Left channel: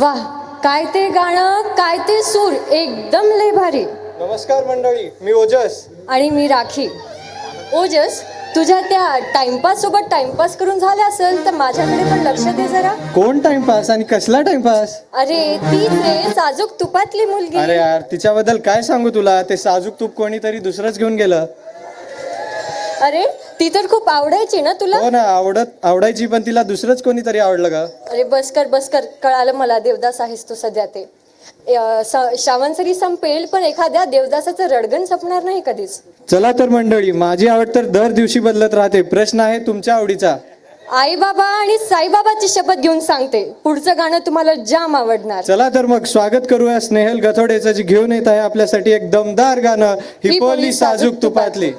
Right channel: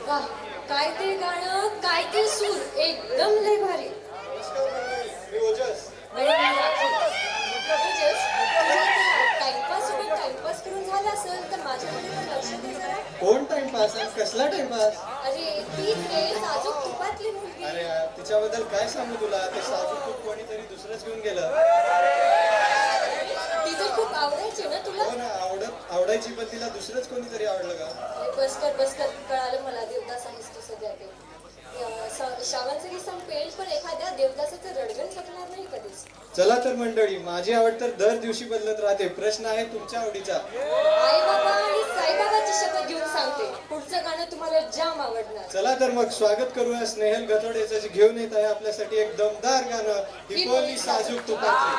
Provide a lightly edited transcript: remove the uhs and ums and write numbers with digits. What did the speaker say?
वाह, काय ते गाणं, काय ते सूर, एकदम लय भारी. नमस्कार मंडळी, मी ओजस. आणि मी राखी. ओजस, तुझ्या त्या टाइमपास सोबत टाइमपास करून झाले असेल तर माझ्याकडे पण लक्ष दे जरा. कोण टाइमपास आणि कसला टाइमपास? अरे ती रे साजूक तुपातली मुलगी. अरे यार, तिच्याबद्दल काय सांगू तुला? ते साजूक तूप कोणीतरी दुसरंच घेऊन गेलं. अरे ती तर खूप आवडायची ना तुला. हो ना, आवडायची, पण तिला दुसरंच कोणीतरी आवडलं का? अरे बस कर कळालं मला, देवदास आहेस तू सध्या ते. श्रावणसरी संपेल पण एखाद्या देवदासाचं रडगण संपणार नाही कधीच. चला तर मंडळी, माझी आवड तर दर दिवशी बदलत राहते. प्रश्न आहे तुमच्या आवडीचा. आई बाबा आणि साईबाबाची शपथ घेऊन सांगते, पुढचं गाणं तुम्हाला जाम आवडणार. चला तर मग स्वागत करूया स्नेहल गथोडेचं, जी घेऊन येत आहे आपल्यासाठी एक दमदार गाणं, ही पोली साजूक तुपातली.